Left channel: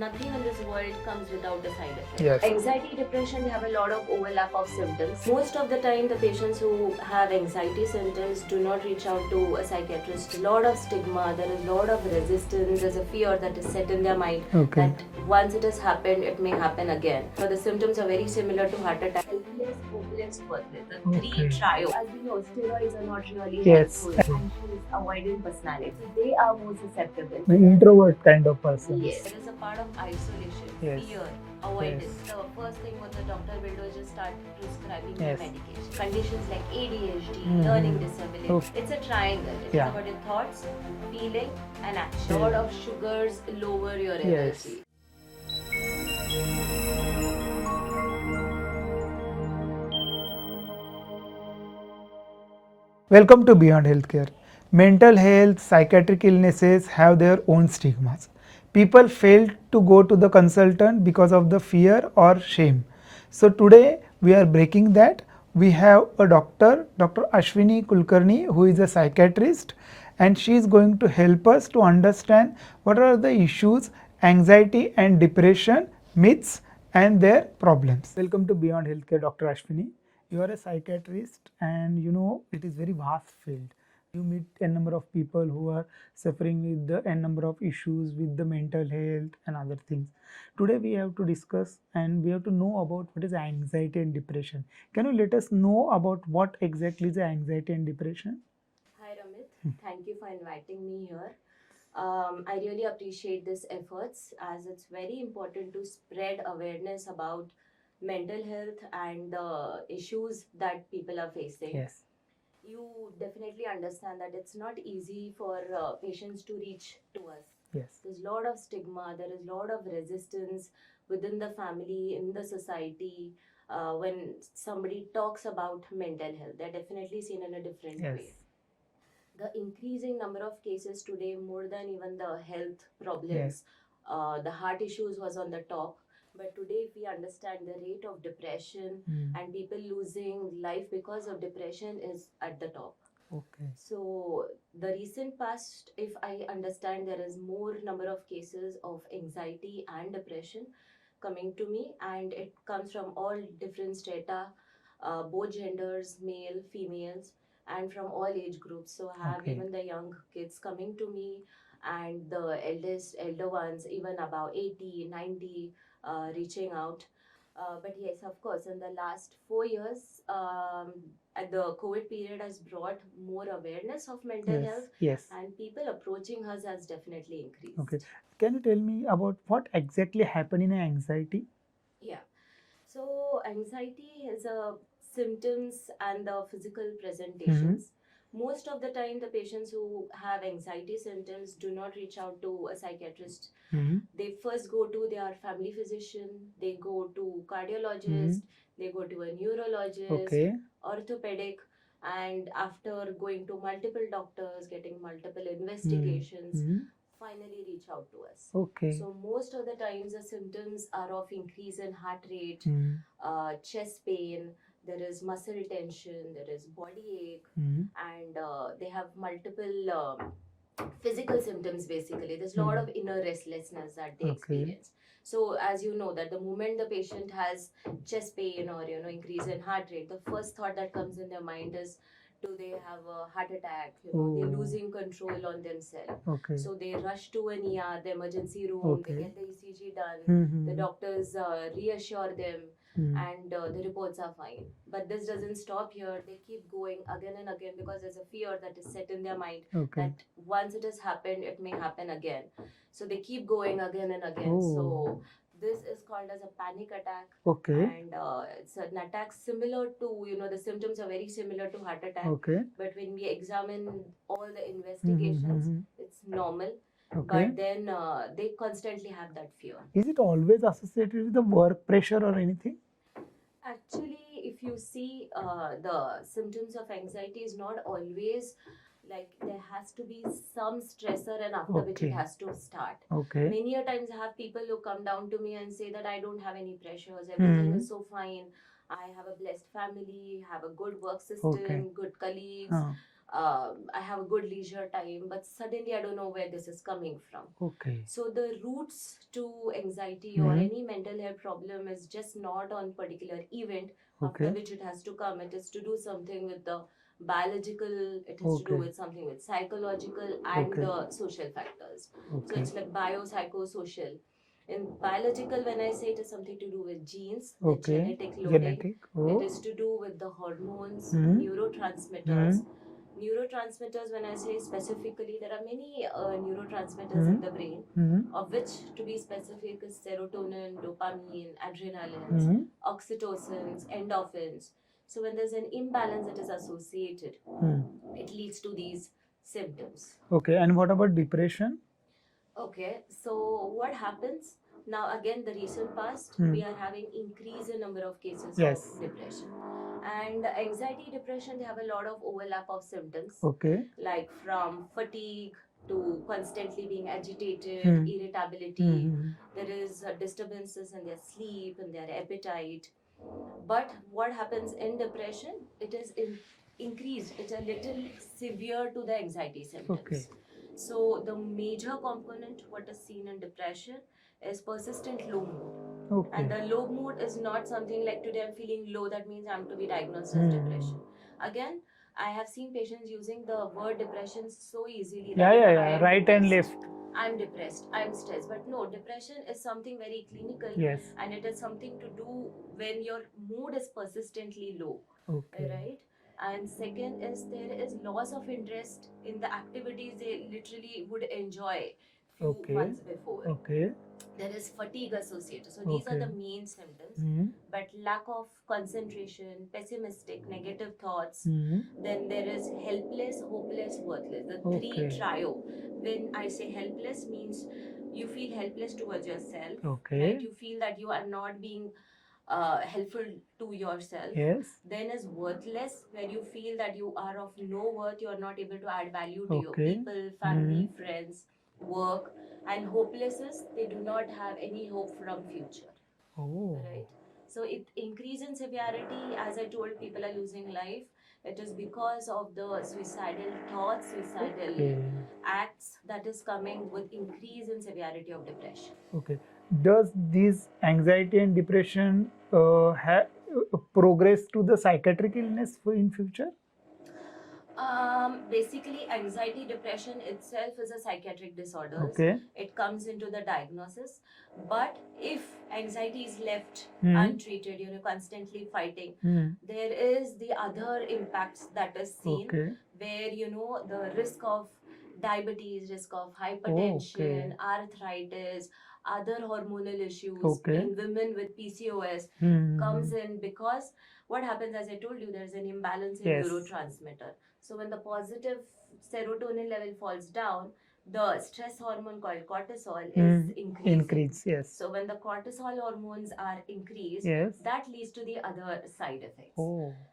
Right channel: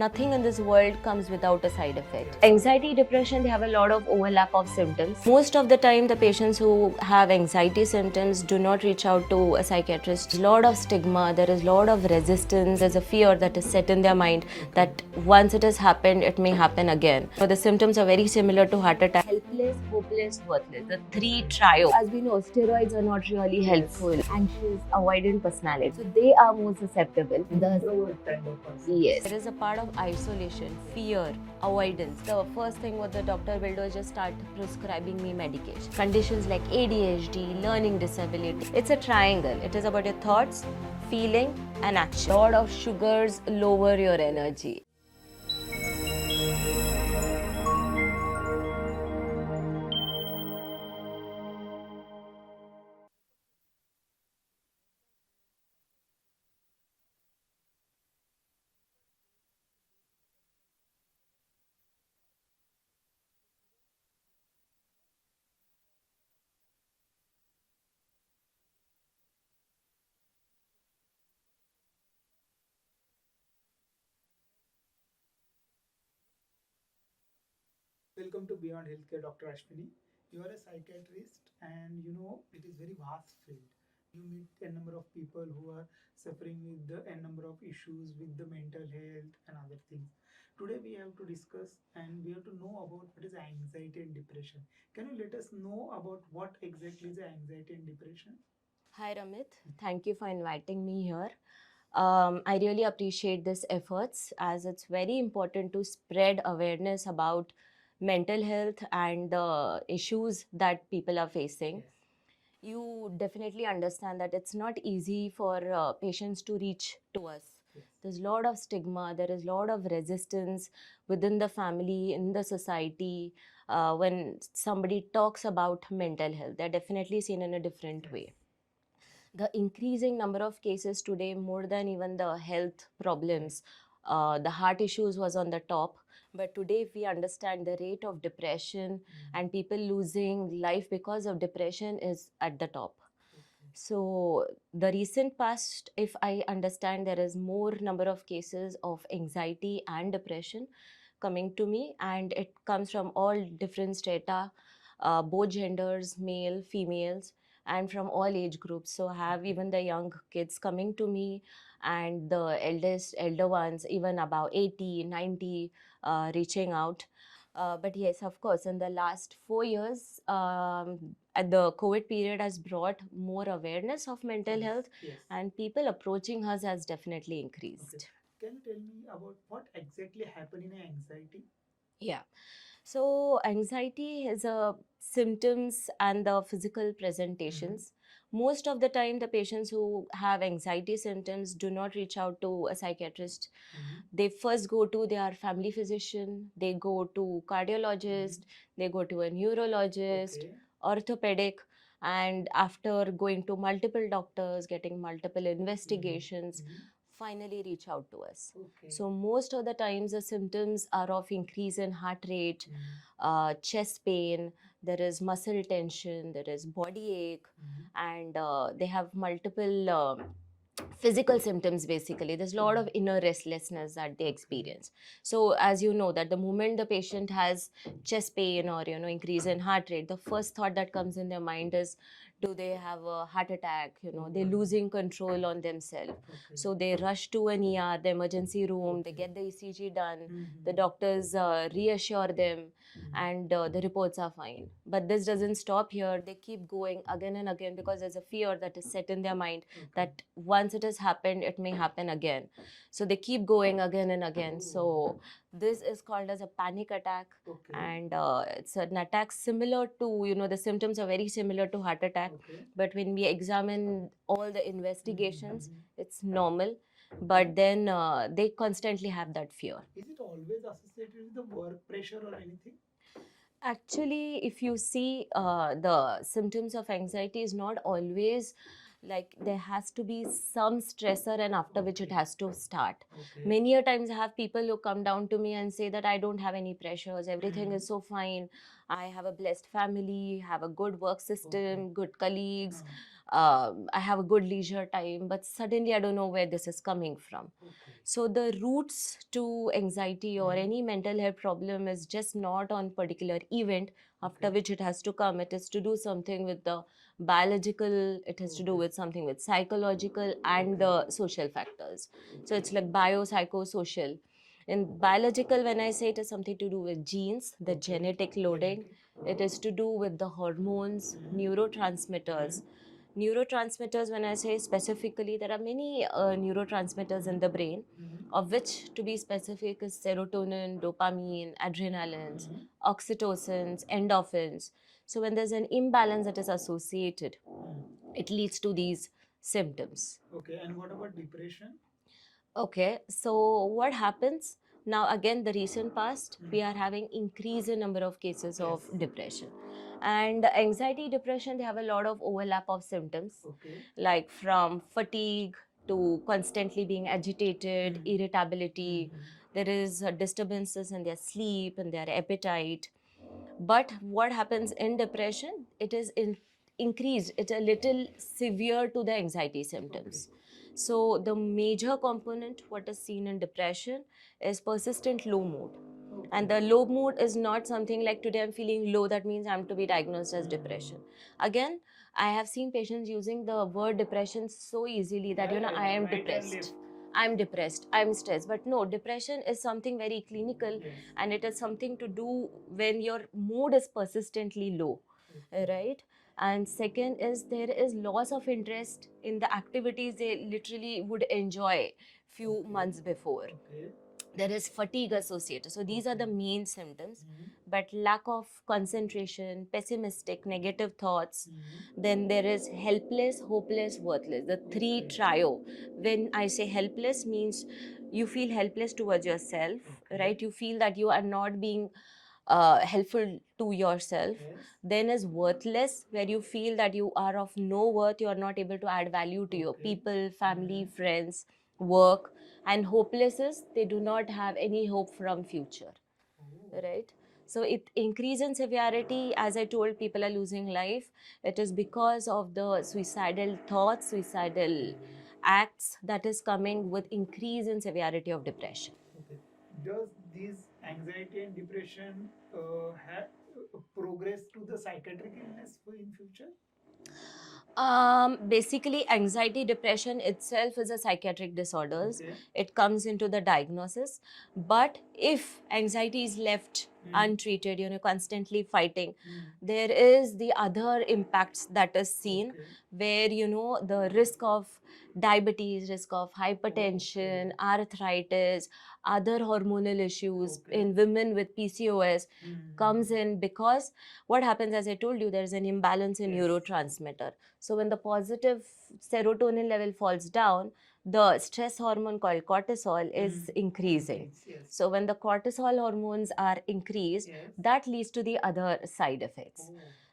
Nothing in this world comes without a side effect. Yes. Anxiety, depression, they have a lot of overlap of symptoms. Most of the time, the patients who have anxiety symptoms do not reach out to a psychiatrist. A lot of stigma, there is a lot of resistance, there's a fear that is set in their mind that once it has happened, it may happen again. So the symptoms are very similar to heart attack. Helpless, hopeless, worthless. The three trio. As we know, steroids are not really helpful. Anxious, avoidant personality. So they are more susceptible. Introvert kind of person. Yes. There is a part of isolation, fear, avoidance. The first thing what the doctor will do is just start prescribing you medication. Conditions like ADHD, learning disability. It's a triangle. It is about your thoughts, feeling and action. A lot of sugars lower your energy. Welcome to Beyond Healthcare. Mental health, psychiatric illnesses have their own stigmas. People fail to go to the consultant because of the fear or shame. So today we are breaking that. We have a doctor, Dr. Ashwini Kulkarni, who is a psychiatrist, and she is going to help us to understand what are the issues, anxiety and depression, myths and their problems. Welcome to Beyond Healthcare, Dr. Ashwini. You are a psychiatrist and you know it is very vast field. You meet a number of people who are suffering with the n number of issues with the mental health and other things. Today we have to discuss and we have to know about what is anxiety and depression. Can you let us know about what exactly is anxiety and depression? Hi Ramit, thank you for inviting me here. I really appreciate these efforts as it's very important to spread awareness about mental health and the issues that people are facing. Yes. You definitely understand that it's not easy for patients to reach to us. Yes. There's a lot of stigma, there is a lot of resistance within the family, in the society. When somebody talks about mental health, they're definitely seen in a different way. The increasing number of cases today, more than even the health problems, the heart issues was on the top. But today, if we understand the rate of depression and people losing life because of depression is at the top. Okay. So the recent past, if I understand, there is more number of cases of anxiety and depression coming to me, and it comes from all different strata, both genders, male, females, and from all age groups. So I have even the young kids coming to me, and the elder ones, even about 80, 90, reaching out. But yes, of course, in the last 4 years, at the COVID period has brought more awareness of mental health, and people approaching us has definitely increased. Okay. Can you tell me about what exactly happened in anxiety? Yeah. So anxiety is a symptoms and the physical presentations. Most of the time, the patients who have anxiety symptoms do not reach out to a psychiatrist. They first go to their family physician, they go to cardiologist, they go to a neurologist, orthopedic, and after going to multiple doctors, getting multiple investigations, finally reach out to us. Okay. So most of the times the symptoms are of increase in heart rate, chest pain, there is muscle tension, there is body ache, and they have multiple physical symptoms. Basically there's a lot of inner restlessness that they experience. So as you know that the moment the patient has chest pain or increase in heart rate, the first thought that comes in their mind is, do they have a heart attack? They're losing control on themselves. So they rush to an ER, the emergency room, they get the ECG done, the doctors reassure them, and the reports are fine. But this doesn't stop here. They keep going again and again because there's a fear that is set in their mind that once it has happened, it may happen again. So they keep going again and again. So this is called as a panic attack. And it's an attack similar to, the symptoms are very similar to heart attack. But when we examine all the investigations, it's normal. But then they constantly have that fear. Is it always associated with the work pressure or anything? Actually, if you see the symptoms of anxiety is not always like there has to be some stressor and after which it has to start. Many a times I have people who come down to me and say that I don't have any pressures, everything is so fine. I have a blessed family, have a good work system, good colleagues. I have a good leisure time, but suddenly I don't know where this is coming from. Okay. So the roots to anxiety or any mental health problem is just not on particular event after which it has to come. It is to do something with the biological, it has to do with something with psychological and the social factors. So it's like biopsychosocial. In biological, when I say it is something to do with genes, the genetic loading, it is to do with the hormones, neurotransmitters. Neurotransmitters, when I say specifically, there are many neurotransmitters in the brain, of which, to be specific, is serotonin, dopamine, adrenaline, oxytocins, endorphins. So when there's an imbalance that is associated, it leads to these symptoms. Okay, and what about depression? Okay, so what happens now? Again, the recent past, we are having increase in number of cases of depression, and anxiety, depression. They have a lot of overlap of symptoms. Okay. Like from fatigue to constantly being agitated, irritability. There is disturbances in their sleep and their appetite. But what happens in depression? It is increased. It's a little severe to the anxiety symptoms. So the major component what is seen in depression is persistent low mood. And the low mood is not something like today I'm feeling low, that means I'm to be diagnosed as depression. Again, I have seen patients using the word depression so easily that I am right depressed. and left. I'm depressed, I'm stressed. But no, depression is something very clinical. Yes. And it is something to do when your mood is persistently low. Right? And second is there is loss of interest in the activities they literally would enjoy few months before. There is fatigue associated. So these are the main symptoms. But lack of concentration, pessimistic, negative thoughts. Then there is helpless, hopeless, worthless. The three trio. When I say helpless means you feel helpless towards yourself, right? You feel that you are not being helpful to yourself. Then is worthless, where you feel that you are of no worth, you are not able to add value to your people, family, friends, work. And hopeless is they do not have any hope from future. Right? So it increase in severity. As I told, people are losing life. It is because of the suicidal thoughts, suicidal acts that is coming with increase in severity of depression. Okay. Does this anxiety and depression progress to the psychiatric illness in future? Basically, anxiety, depression itself is a psychiatric disorder. It comes into the diagnosis. But if anxiety is left untreated, constantly fighting, there is the other impacts that is seen where, the risk of diabetes, risk of hypertension, arthritis, other hormonal issues in women with PCOS comes in, because what happens, as I told you, there's an imbalance in neurotransmitter. So when the positive serotonin level falls down, the stress hormone called cortisol is increasing. So when the cortisol hormones are increased, that leads to the other side effects.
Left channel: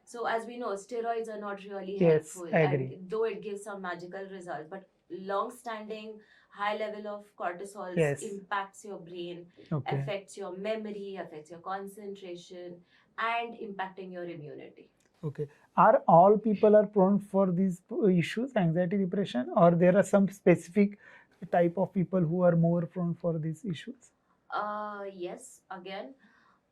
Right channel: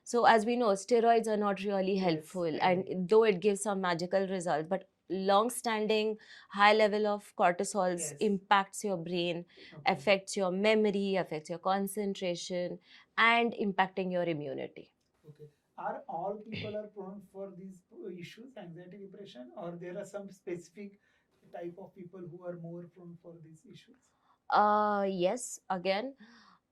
So as we know, steroids are not really helpful, and though it gives some magical results, but long-standing high level of cortisol impacts your brain, affects your memory, affects your concentration, and impacting your immunity. Okay. Are all people are prone for these issues, anxiety, depression, or there are some specific type of people who are more prone for these issues? Yes, again,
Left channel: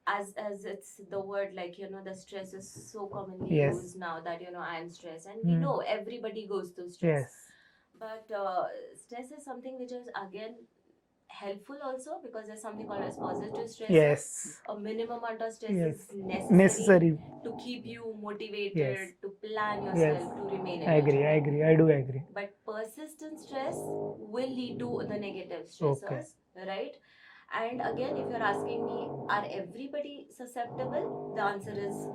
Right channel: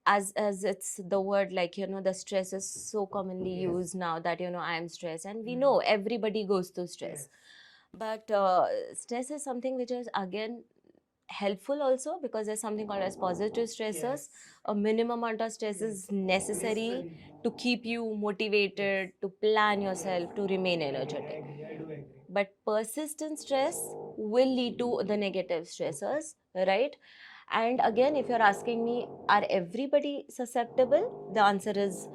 as it's the word, like, the stress is so commonly used now that, I am stressed, and we know everybody goes through stress. But stress is something which is again helpful also, because there's something called as positive stressors. A minimum amount of stress is necessary to keep you motivated, to plan yourself, to remain energetic. I do agree. But persistent stress will lead to the negative stressors, right? And again, if you're asking me, are everybody susceptible? The answer is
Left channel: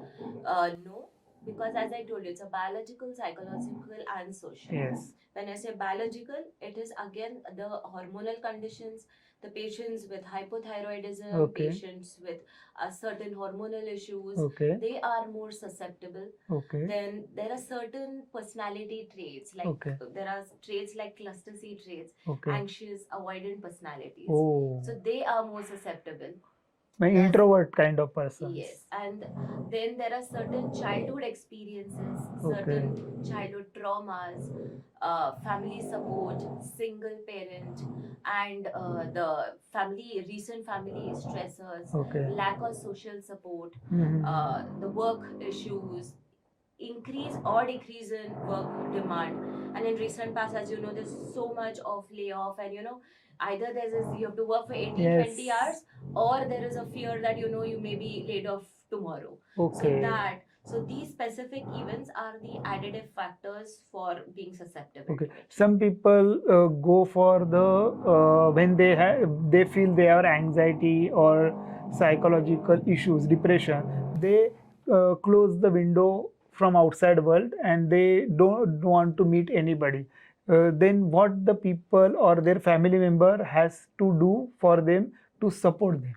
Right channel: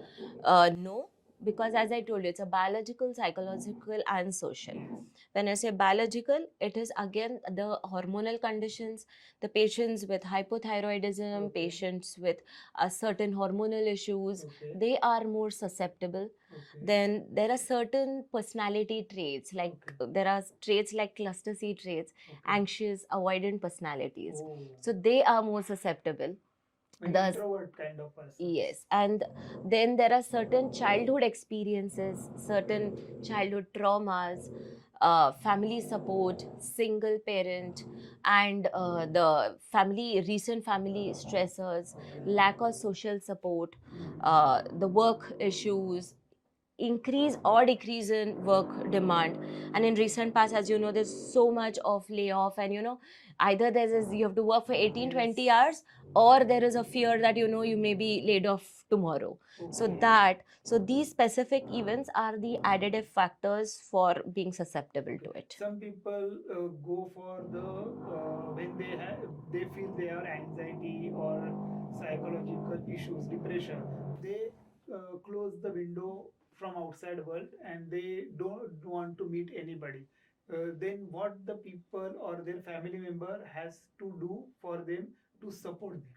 no, because as I told you, it's a biological, psychological, and social. When I say biological, it is again the hormonal conditions, the patients with hypothyroidism, patients with certain hormonal issues, they are more susceptible. Then there are certain personality traits, like there are traits like cluster C traits, anxious, avoidant personalities. So they are more susceptible. My The introvert kind of person. Yes, and then there are certain childhood experiences, certain Okay. childhood traumas, family support, single parent, and the recent family stressors, Okay. lack of social support, Mm-hmm. the work issues, increase or decrease in work demand. And in recent past, as you know, there's so much of layoff, and either there's this, you have to work for 18, Yes. 20 hours, or there is a fear that you may be laid off tomorrow. Okay. So these specific events are the additive factors for being susceptible Okay. to it. Some people go for the when they feel they have anxiety or psychological issues, depression. They close the window from outside world and they don't want to meet anybody. Then what the people or their family member has to do for them to support them?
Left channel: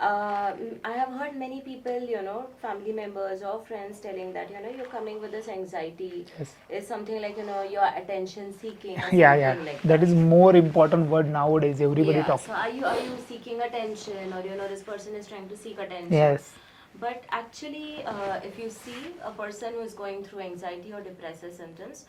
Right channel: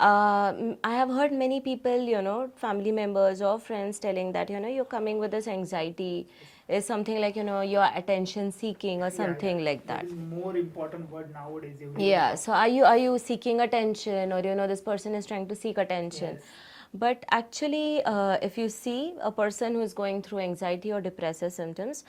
I have heard many people, family members or friends telling that, you're coming with this anxiety. Yes. Is something like, you're attention seeking or Yeah, yeah. something like That that. is more important word nowadays. Everybody Yeah, talks. so are you seeking attention, or this person is trying to seek attention? Yes. But actually, if you see a person who is going through anxiety or depressive symptoms,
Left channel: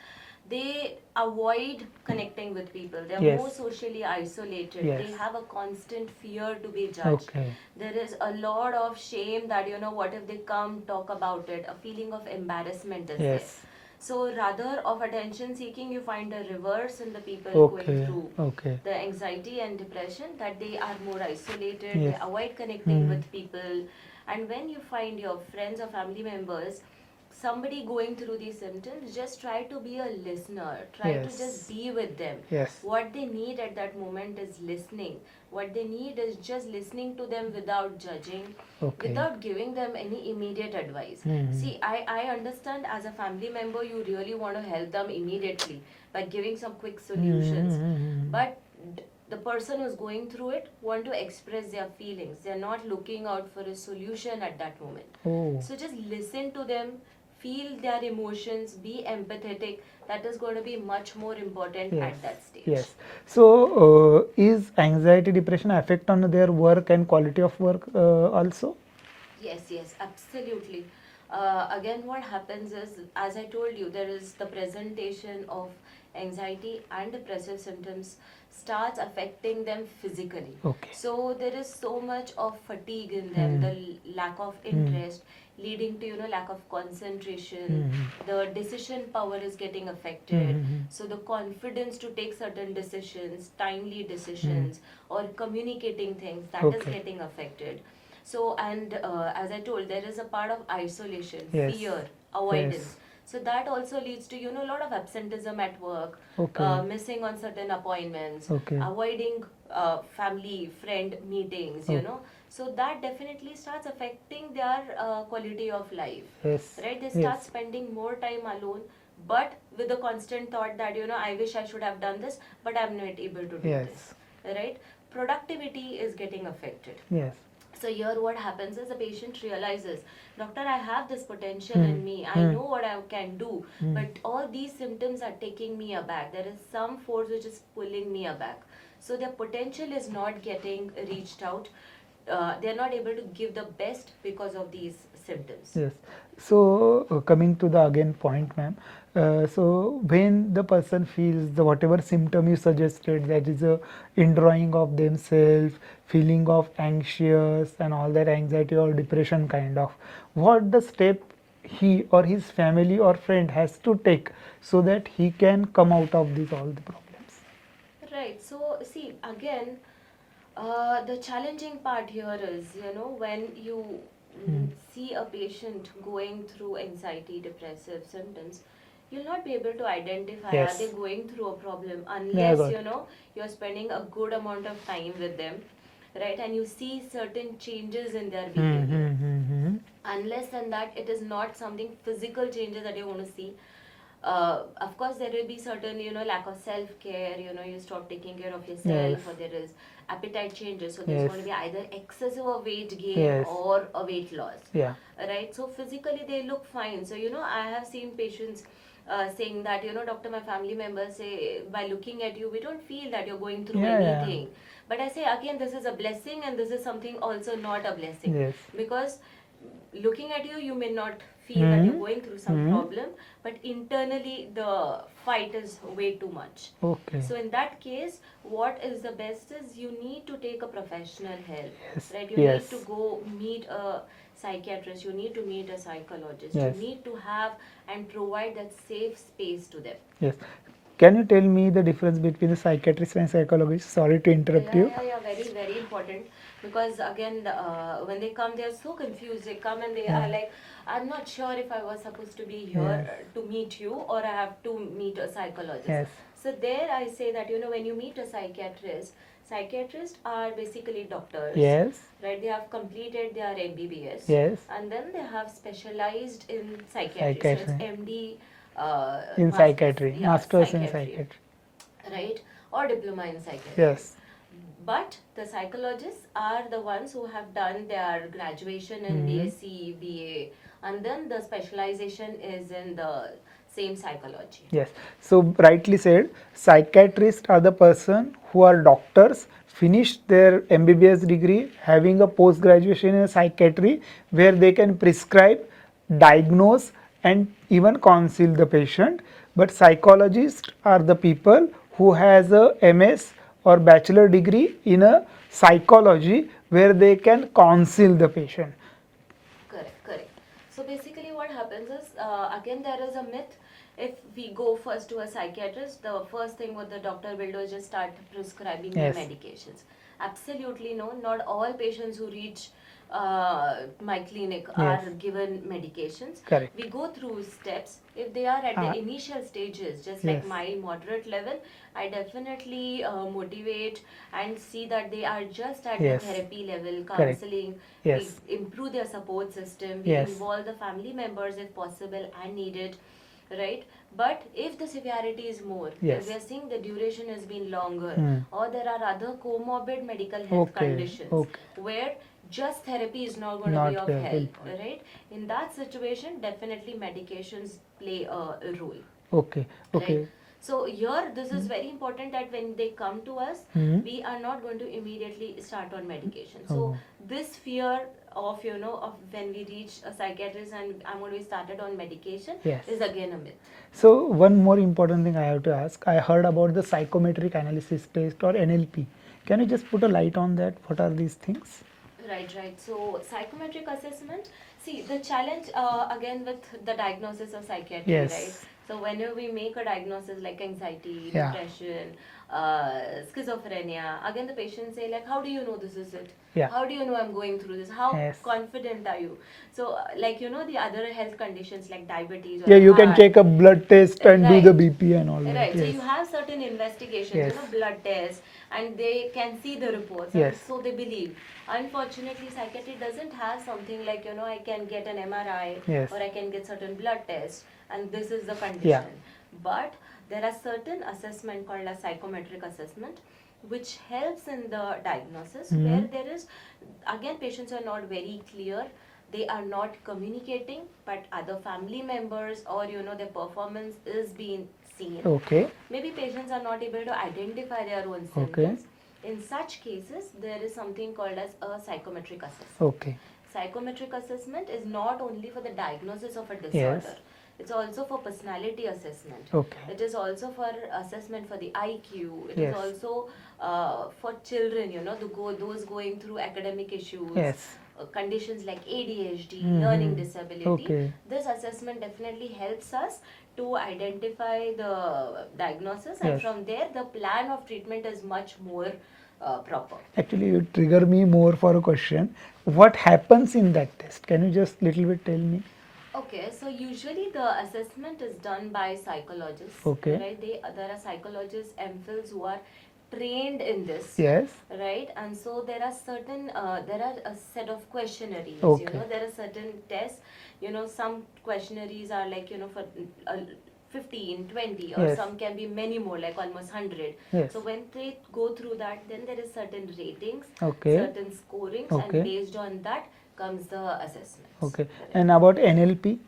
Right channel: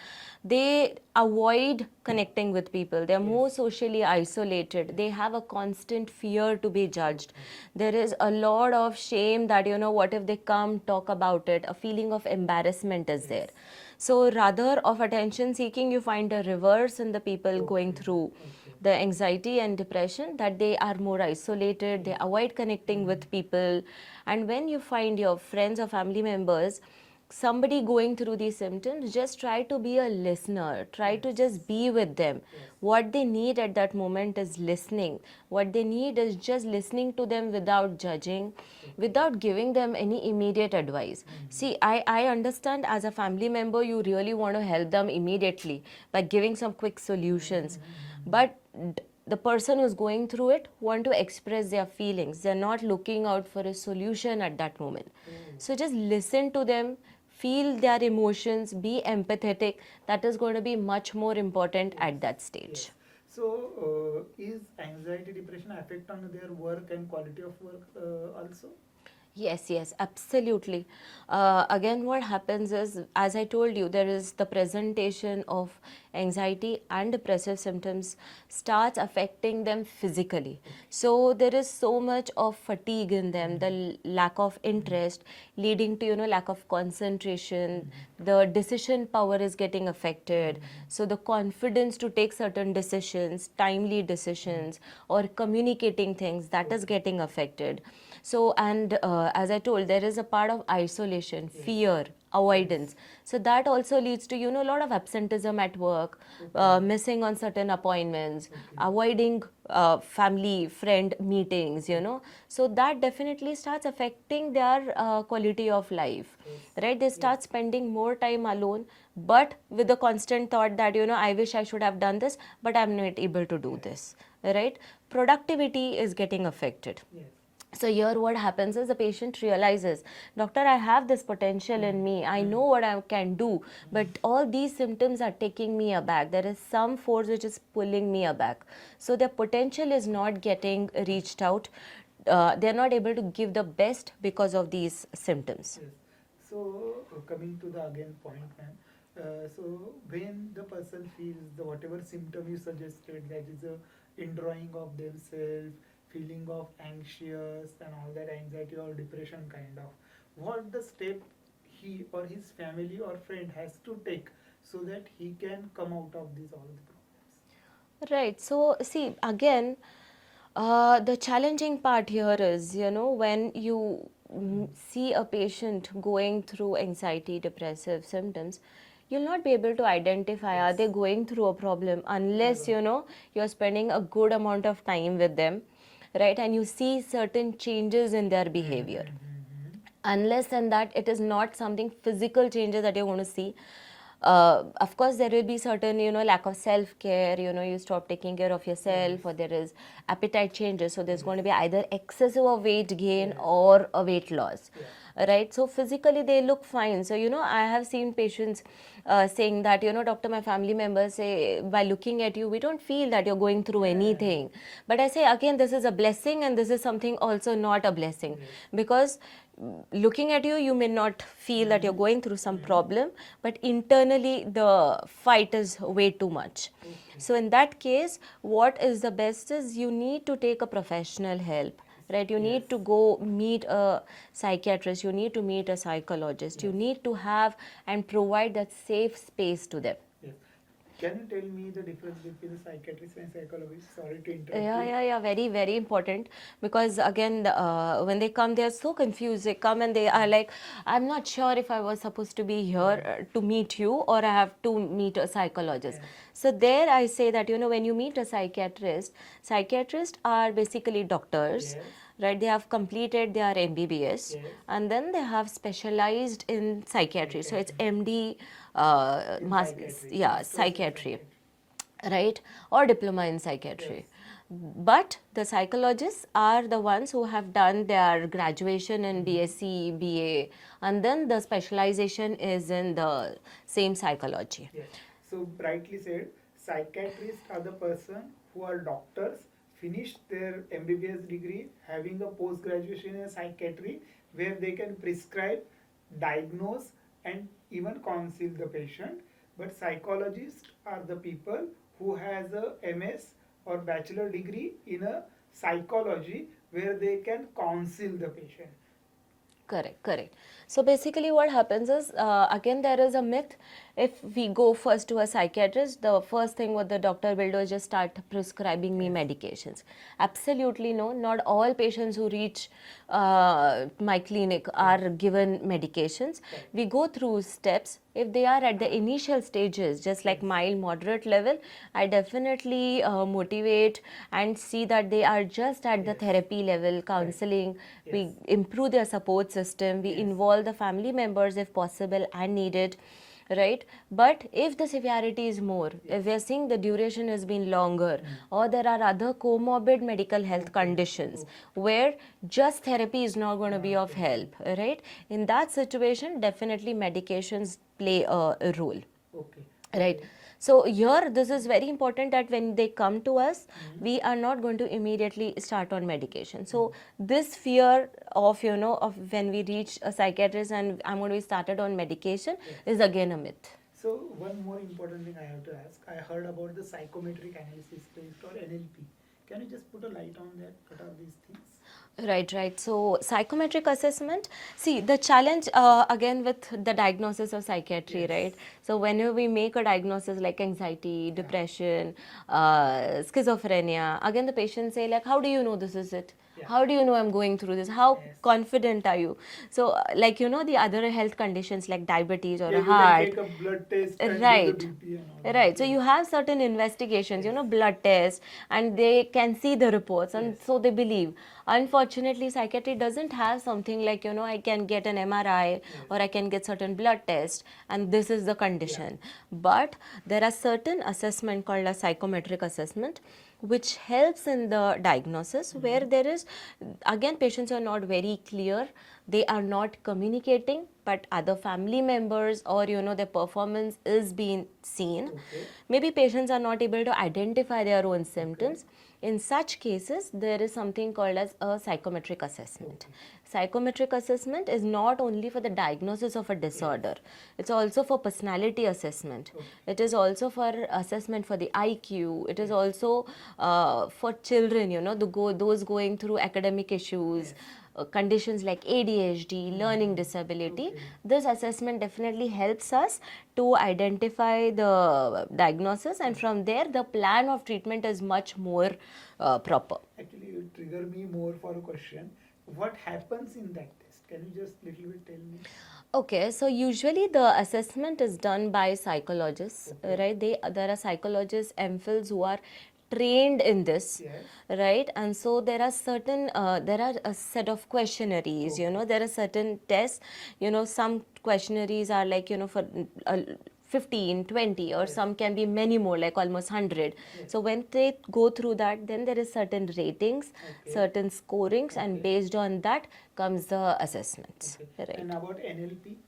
they avoid connecting with people. They're Yes. more socially isolated. Yes. They have a constant fear to be judged. Okay. There is a lot of shame that, what if they come talk about it? A feeling of embarrassment is there. Yes. So rather of attention seeking, you find a reverse in the people going Okay. through Okay. the anxiety and depression, that they are more isolated, they Yes. avoid connecting with people. And when you find your friends or family members, somebody going through these symptoms, just try to be a listener, try to Yes. just be with them. Yes. What they need at that moment is listening. What they need is just listening to them without judging, Okay. without giving them any immediate advice. See, I understand as a family member, you really want to help them immediately by giving some quick solutions. But the person who's going through it want to express their feelings. They're not looking out for a solution at that moment. Oh. So just listen to them, feel their emotions, be empathetic. That is going to be much more important at that stage. Yes. So, is anxiety, depression affect on their work and quality of work also? Yes, absolutely. Again, what happens is, as I told you, there is the presentation of anxiety and depressive symptoms starts affecting them physically. Okay. So there is so much of fatigue in them, the lack of interest, leading to lack of concentration. The decision power is getting affected. So the confidence to take certain decisions, timely decisions, or communicating things, that is getting affected. So, and as I told, there is a part of isolation, Yes. fear, avoidance. So that also leads to a lot of absenteeism at work, missing on certain appointments, avoiding family friend meetings. So that definitely starts affecting their quality of life. Yes. Right? They start spending more time alone, but with the constant thought that I wish I should have done this, but I'm not able to do this. Right? Productivity is getting affected. Yes. So here what happens is the patient realizes, doctor, I have this potential in me. I know what I can do, but all these symptoms are taking me aback. There is some force which is pulling me aback. So their potential is not getting reached out. They're not able to give the best because of these symptoms. Yes. So, coming to the again point, ma'am. So, when the person feels the whatever symptom you suggested, that is a indrawing of themselves, feeling of anxious and all that anxiety or depression kind of, what the step he or his family or friend has to take so that he can come out of these all the problems? Right. So, see, again, the challenging part here is, when you see a patient going through anxiety, depressive symptoms, you'll not be able to identify are they going through a problem unless, you're spending a good amount of time with them, right? And you see certain changes in their behavior. Unless and that it is not something physical changes that you're going to see. Of course there will be certain, lack of self-care, you stop taking care of yourself, Yes. or there is appetite changes, so there's Yes. going to be either excessive or weight gain Yes. or a weight loss. Yeah. Right, so physically they look fine. So I have seen patients saying that, doctor, my family members say, by looking at you we don't feel that you're going through Yeah. anything. But I say again, this is a blessing, and this is something also not a blessing. Yes. Because looking at you, you may not feel that you're going through some problem, but internally the fight is way too much. Okay. So in that case, what is the best is you need to take a professional help. Yes. Right, you Yes. need to go meet a psychiatrist, you need to meet a psychologist. You Yes. need to have and provide that safe space to them. Yes. Can you tell me the difference between the psychiatrist and psychologist? Sorry to interrupt you. Yeah, very, very important. Because again, when they come, they're so confused. They come and they are like, I'm not sure if I was supposed to be here to meet you, or I have to meet a psychologist. Yes. So there I say that, when you meet a psychiatrist, psychiatrists are basically doctors. Yes. Right, they have completed their MBBS. Yes. And then they have specialized in psychiatry. So it's Psychiatry. MD In psychiatry. yeah, Masters in psychiatry. psychiatry. Right, or diploma in psychiatry. Yes. But the psychologists are the ones who have done their graduation in BSc, BA, and then the specialization is in the same psychology. Yes. So rightly said, psychiatrists are the person who are doctors, finished their MBBS degree, having a post graduation in psychiatry, where they can prescribe, diagnose, and even counsel the patient. But psychologists are the people who has a MS or bachelor degree in a psychology, where they can counsel the patient. Correct. So basically what happens is, again, there is a myth. If we go first to a psychiatrist, the first thing what the doctor will do is just start prescribing me Yes. medications. Absolutely no, not all patients who reach my clinic are given medications. Correct. We go through steps. If they are at the Ah. initial stages, just like Yes. mild, moderate level, I definitely motivate and see that they are just at Yes. the therapy level, counseling. Yes. We improve their support system. We Yes. involve the family members if possible and needed. Right, but if the severity is more, Yes. if we are seeing the duration has been longer, or there are other comorbid medical health Okay, conditions okay. where just therapy is not going to be Not of very help, helpful. right? In that situation, definitely medications play a role. Okay. Okay. Right. So here, this is very important that when they come to us, Hmm. we are not going to immediately start on medication. So Oh. this fear of of when we reach a psychiatrist and I'm going to be started on medication Yes. is again a myth. So one more important thing I have to ask. I heard about the psychometric analysis test or NLP. Can you just put a light on that? What are these things? Right. So psychometric assessment. See, the challenge again with the diagnosis of psychiatry, Yes. right? So whenever we make a diagnosis like anxiety, Yeah. depression, schizophrenia, again the patients say like, how do you know this is it? Yeah. How do you know I'm going through this? How Yes. confident are you? So like the other health conditions like diabetes or Yeah, the you can heart. take a blood test and do the Right. BP and all that. Right, so Yes. you have certain investigations, Yes. blood tests, and they can see the reports, and Yes. so they believe. Unfortunately, psychiatry doesn't have something like, I can get an MRI Yes. or I can get certain blood tests, and this is the condition. But there are certain assessment called a psychometric assessment, which helps in the diagnosis, where there is, again, patients are not very clear. They are not communicating, but other family members or their performance is being seen. Okay. Maybe patients are not able to identify their own symptoms. In such cases, there is something called as a psychometric assessment. Okay. Psychometric assessment is not only for the diagnosis of a disorder, it's also for personality assessment. Okay. It is also for assessment for the IQ. It is Yes. also for children, those going through academic issues. Yes. Conditions like ADHD, learning disability. Okay. This assessment definitely helps us to identify the diagnosis, and Yes. from there the plan of treatment is much more proper. Actually, you trigger me more for a question. What happens in that test? Can you just little bit tell me? Okay, so usually the assessment is done by psychologists, Okay. right? There are psychologists, MPhils who are trained in this, Yes. right? And so there are certain, there are a set of questionnaires, Okay. there are certain tests, some questionnaires are like, for 15, 20, or Yes. some can be many more, like almost 100. Yes. So when they go through that, then there is certain ratings, Okay. certain scorings, Okay. and based on that comes the assessments. Okay. Right. And about NLP?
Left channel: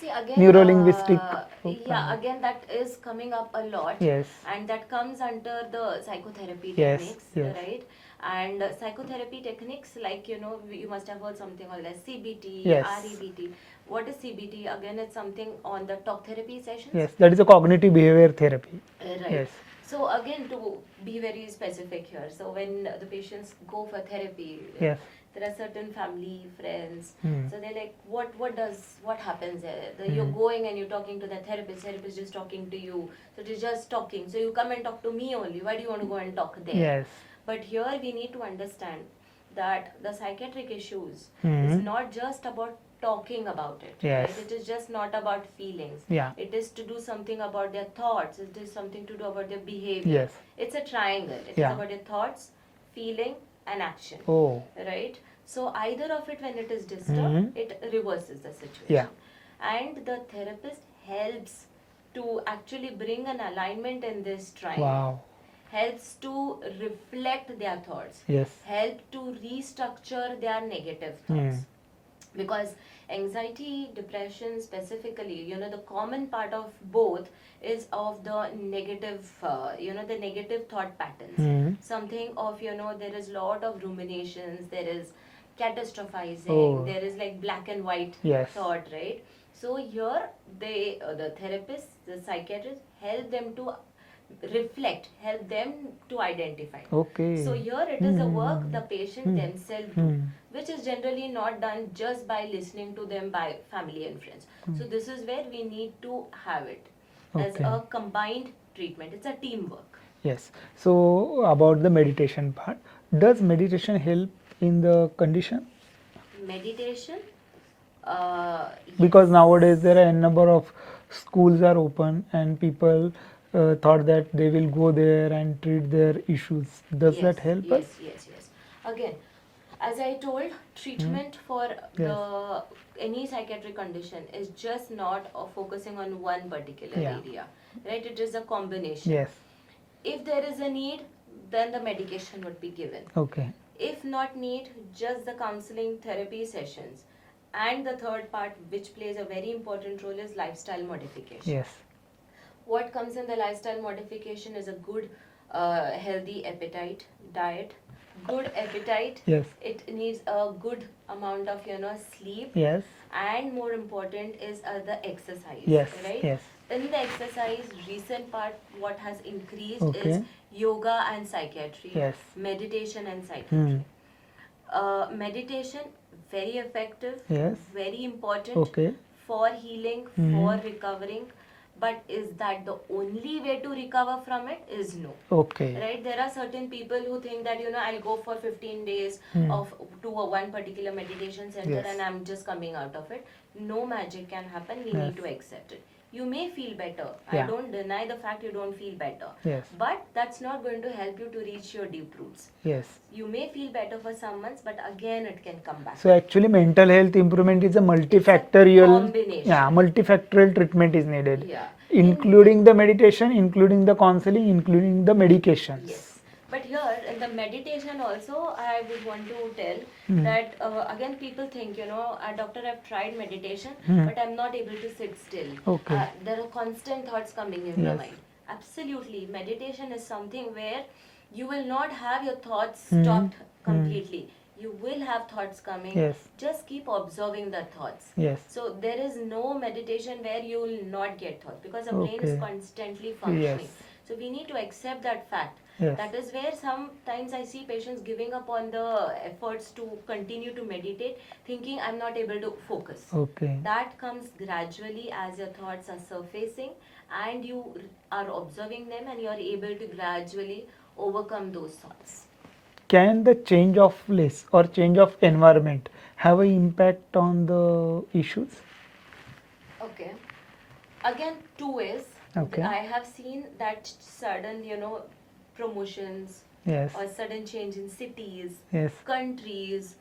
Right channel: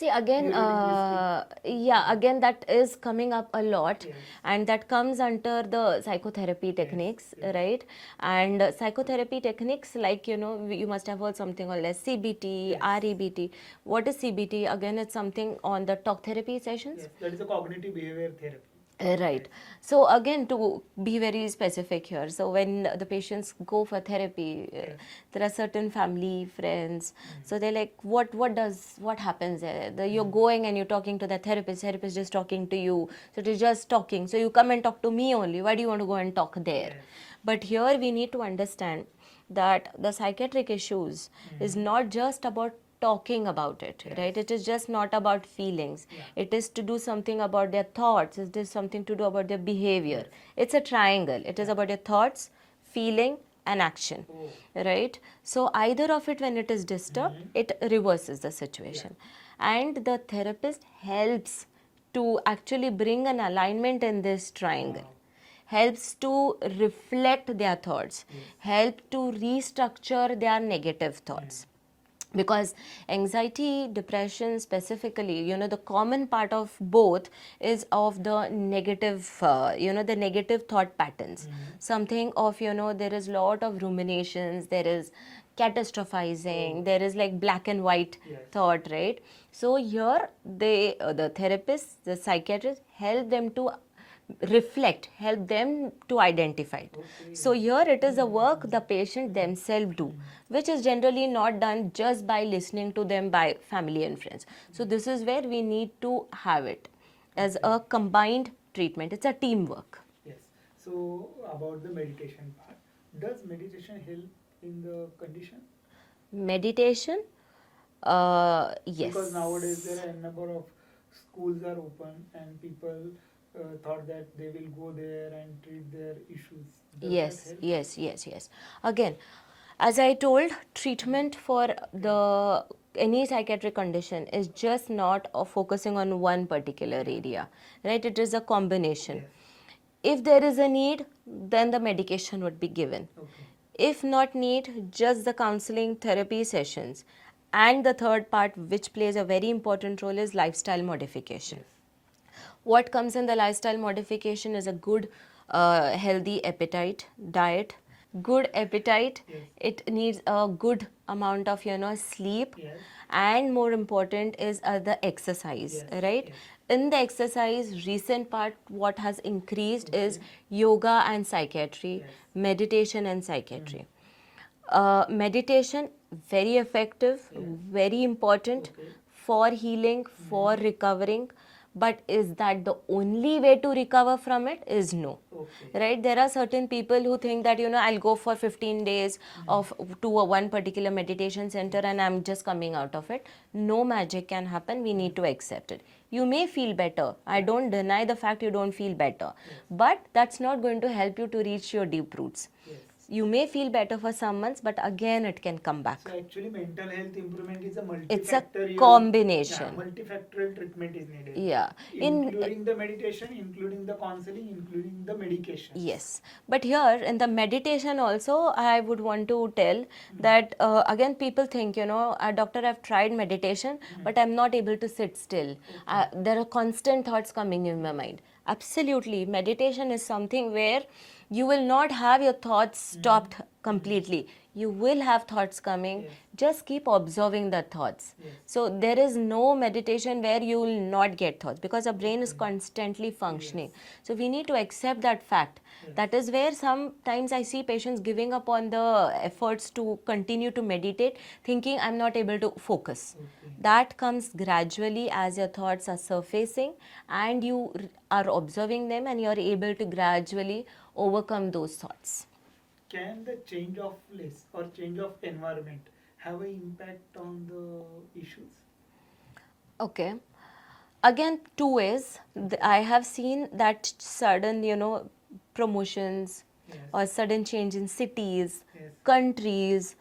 See, again, Neuro-linguistic yeah, again, that is coming up a lot. Yes. And that comes under the psychotherapy Yes, techniques, yes. right? And psychotherapy techniques, like, you must have heard something called as CBT, Yes. REBT. What is CBT? Again, it's something on the talk therapy sessions. Yes, that is a cognitive behavior therapy. Right. Yes. So again, to be very specific here, so when the patients go for therapy, Yes. there are certain family, friends, Hmm. so they're like, what happens there? You're going and you're talking to the therapist just talking to you, so they're just talking, so you come and talk to me only, why do you want to go and talk there? Yes. But here we need to understand that the psychiatric issues is not just about talking about it, Yes. right? It is just not about feelings. Yeah. It is to do something about their thoughts. It is something to do about their behavior. Yes. It's a triangle. It is Yeah. about your thoughts, feeling, and action. Oh. Right? So either of it, when it is disturbed, it reverses the situation. And the therapist helps to actually bring an alignment in this triangle. Wow. Helps to reflect their thoughts. Yes. Help to restructure their negative thoughts. Because anxiety, depression specifically, the common part of both is of the negative, the negative thought patterns. Something of, there is lot of ruminations, there is catastrophizing, Oh. there is like black and white Yes. thought, right? So here, the therapists, the psychiatrists help them to reflect, help them to identify. Okay. So here it is a work the patient themselves do, which is generally not done just by listening to them by family and friends. So this is where we need to have it as Okay. a combined treatment. It's a teamwork. Yes. So about the meditation part, does meditation help in the condition? Meditation, yes. Because nowadays there are a number of schools are open and people thought that they will go there and treat their issues. Does yes, that help yes, us? yes. Again, as I told, treatment for the any psychiatric condition is just not focusing on one particular area, right? It is a combination. Yes. If there is a need, then the medication would be given. Okay. If not need, just the counseling therapy sessions. And the third part, which plays a very important role, is lifestyle modification. Yes. What comes in the lifestyle modification is a good, healthy appetite, diet. Good appetite. Yes. It needs a good amount of, sleep. Yes. And more important is the exercise, Yes, right? yes. In the exercise, recent part, what has increased is Okay. yoga and psychiatry, Yes. meditation and psychiatry. Meditation, very effective, Yes. very important Okay. for healing, for recovering. But is that the only way to recover from it? Is no. Okay. Right? There are certain people who think that, I'll go for 15 days to one particular meditation center Yes. and I'm just coming out of it. No magic can happen. We need to accept it. You may feel better. I Yeah. don't deny the fact you don't feel better. Yes. But that's not going to help you to reach your deep roots. Yes. You may feel better for some months, but again it can come back. So actually mental health improvement is a multifactorial combination. Yeah, multifactorial treatment is needed. Yeah. Including the meditation, including the counseling, including the medication. Yes. But here in the meditation also, I would want to tell that again people think, doctor, I've tried meditation, but I'm not able to sit still. Okay. There are constant thoughts coming in my mind. Absolutely. Meditation is something where you will not have your thoughts stopped completely. You will have thoughts coming. Yes. Just keep observing the thoughts. Yes. So there is no meditation where you will not get thoughts because the brain is Okay. constantly functioning. Yes. So we need to accept that fact. Yes. That is where sometimes I see patients giving up on the efforts to continue to meditate, thinking I'm not able to focus. Okay. That comes gradually as your thoughts are surfacing and you are observing them and you are able to gradually overcome those thoughts. Can the change of place or change of environment have an impact on the issues? Okay. Again, two ways. Okay. I have seen that sudden, promotions Yes. or sudden change in cities, Yes. countries,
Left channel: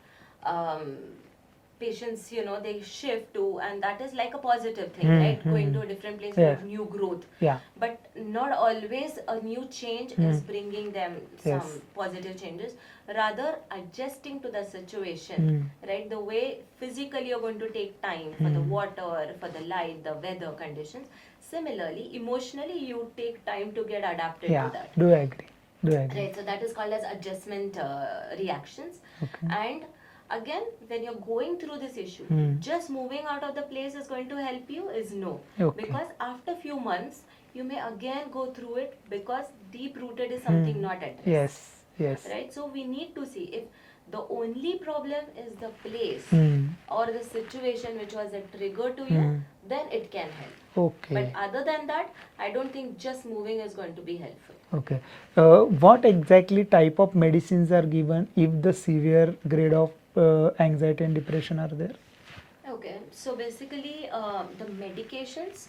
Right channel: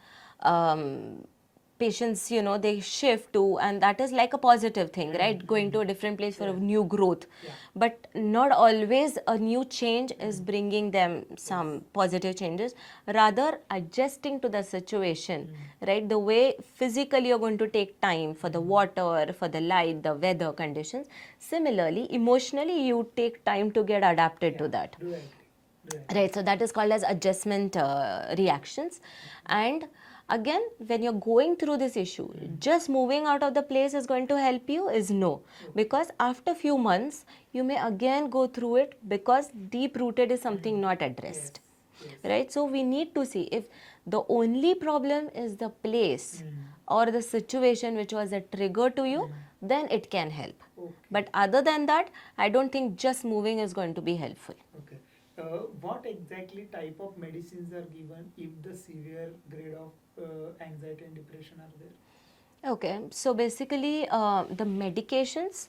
patients, they shift to, and that is like a positive thing, right? Going to a different place for a new growth. Yeah. But not always a new change is bringing them some positive changes. Rather, adjusting to the situation, right? The way physically you're going to take time for the water, for the light, the weather conditions. Similarly, emotionally, you take time to get adapted to that. Do agree. Right, so that is called as adjustment reactions. And again, when you're going through this issue, just moving out of the place is going to help you is no. Because after few months, you may again go through it because deep rooted is something not addressed. Yes. Right, so we need to see if the only problem is the place or the situation which was a trigger to you, then it can help. Okay. But other than that, I don't think just moving is going to be helpful. Okay. What exactly type of medicines are given if the severe grade of anxiety and depression are there? Okay, so basically the medications,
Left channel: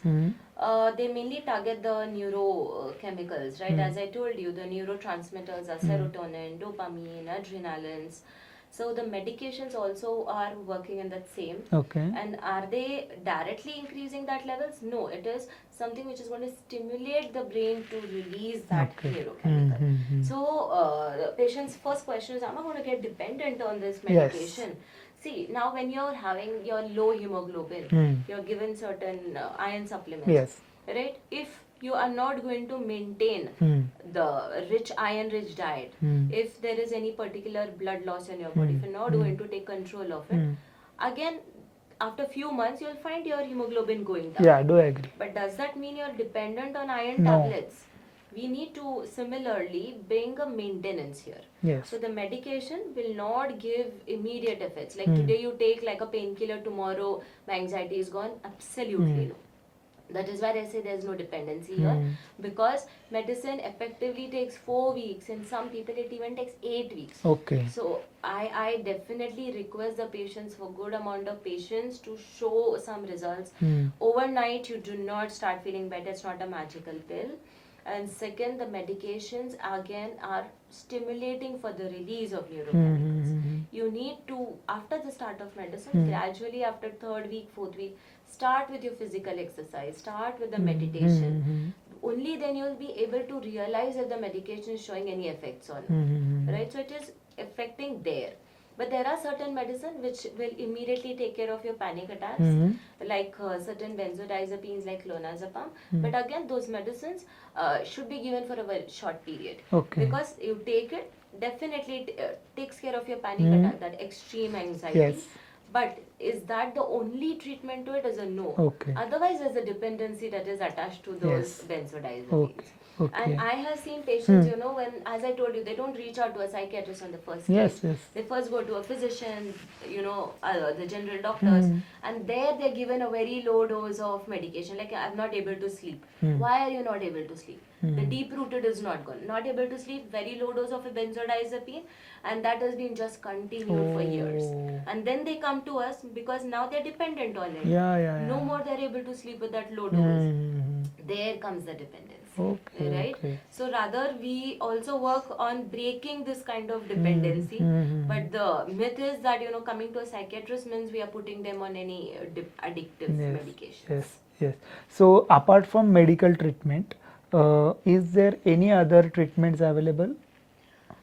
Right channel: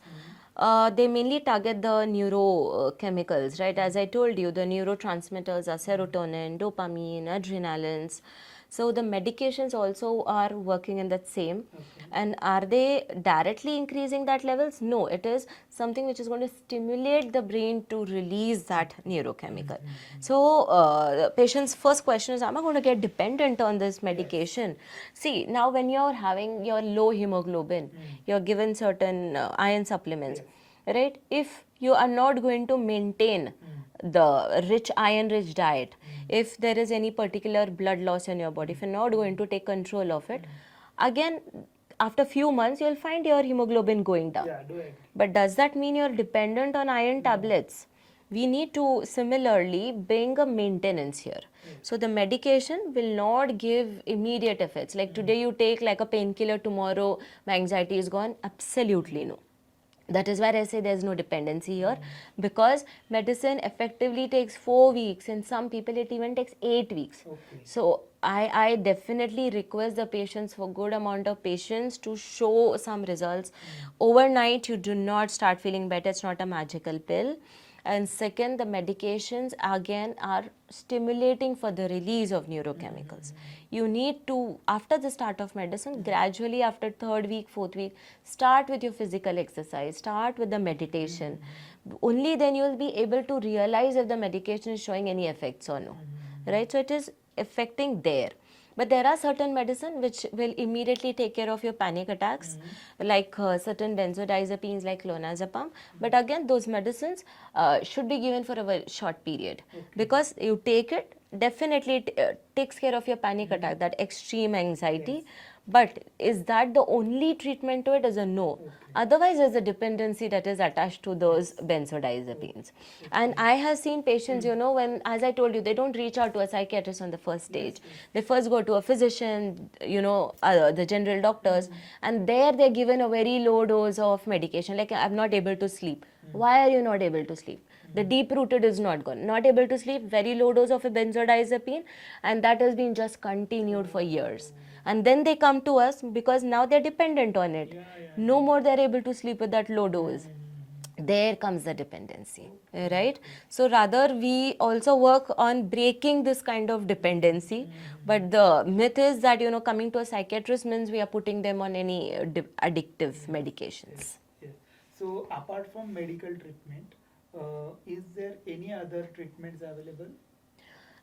they mainly target the neurochemicals, right? As I told you, the neurotransmitters are serotonin, dopamine, adrenalines. So the medications also are working in that same. Okay. And are they directly increasing that levels? No, it is something which is going to stimulate the brain to release that neurochemical. So the patient's first question is, am I going to get dependent on this medication? See, now when you're having your low hemoglobin, you're given certain iron supplements, right? If you are not going to maintain the rich iron-rich diet, if there is any particular blood loss in your body, if you're not going to take control of it, again, after few months, you'll find your hemoglobin going down. Yeah, do agree. But does that mean you're dependent on iron tablets? We need to similarly bring a maintenance here. So the medication will not give immediate effects. Like today you take like a painkiller, tomorrow my anxiety is gone. Absolutely no. That is why I say there's no dependency here, because medicine effectively takes 4 weeks. In some people it even takes 8 weeks. Okay. So I definitely request the patients for good amount of patience to show some results. Overnight you do not start feeling better. It's not a magical pill. And second, the medications again are stimulating for the release of neurochemicals. You need to, after the start of medicine, gradually after 3rd week, 4th week, start with your physical exercise, start with the meditation. Only then you will be able to realize if the medication is showing any effects or no. Right? So it is affecting there. But there are certain medicine which will immediately take care of your panic attacks, like certain benzodiazepines like clonazepam. But again, those medicines should be given for a very short period. Because you take it, definitely it takes care of your panic attack, that extreme anxiety. But is that the only treatment to it? Is a no. Otherwise, there's a dependency that is attached to those benzodiazepines. And I have seen patients, when, as I told you, they don't reach out to a psychiatrist on the first stage. They first go to a physician, the general doctors, and there they're given a very low dose of medication. Like, I'm not able to sleep. Why are you not able to sleep? The deep rooted is not gone. Not able to sleep, very low dose of a benzodiazepine, and that has been just continued for years. And then they come to us because now they're dependent on it. No more they're able to sleep with that low dose. There comes the dependency, right? So rather we also work on breaking this kind of dependency. But the myth is that, coming to a psychiatrist means we are putting them on any addictive medications. Yes. So apart from medical treatment, is there any other treatments available?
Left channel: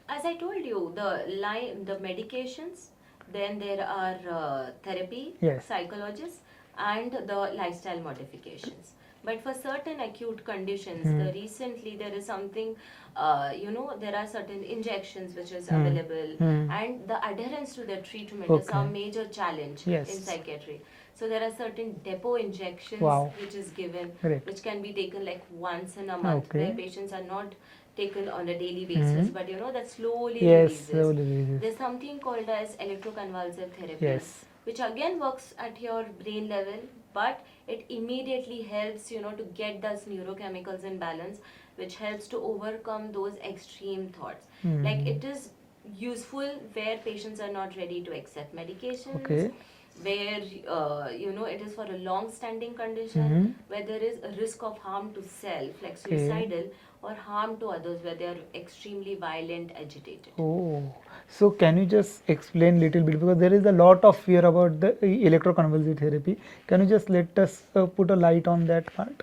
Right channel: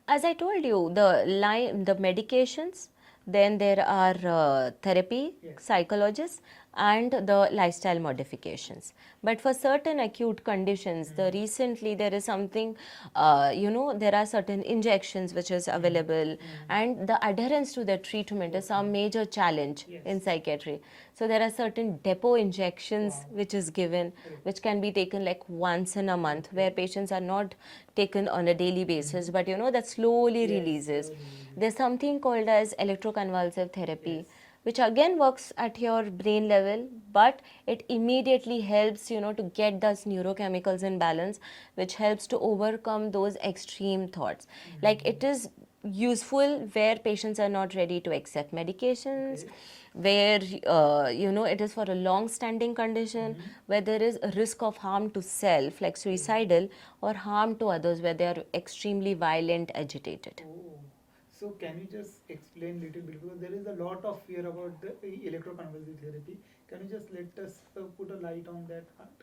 As I told you, the medications, then there are therapy, psychologists, and the lifestyle modifications. But for certain acute conditions, recently there is something, there are certain injections which is available, and the adherence to the treatment is a major challenge in psychiatry. So there are certain depot injections which is given, which can be taken like once in a month, where patients are not taken on a daily basis, but that slowly releases. There's something called as electroconvulsive therapy, which again works at your brain level, but it immediately helps, to get those neurochemicals in balance, which helps to overcome those extreme thoughts. Like, it is useful where patients are not ready to accept medications, where it is for a long standing condition, where there is a risk of harm to self, like suicidal, or harm to others, where they are extremely violent, agitated. So can you just explain little bit, because there is a lot of fear about the electroconvulsive therapy. Can you just let us put a light on that part?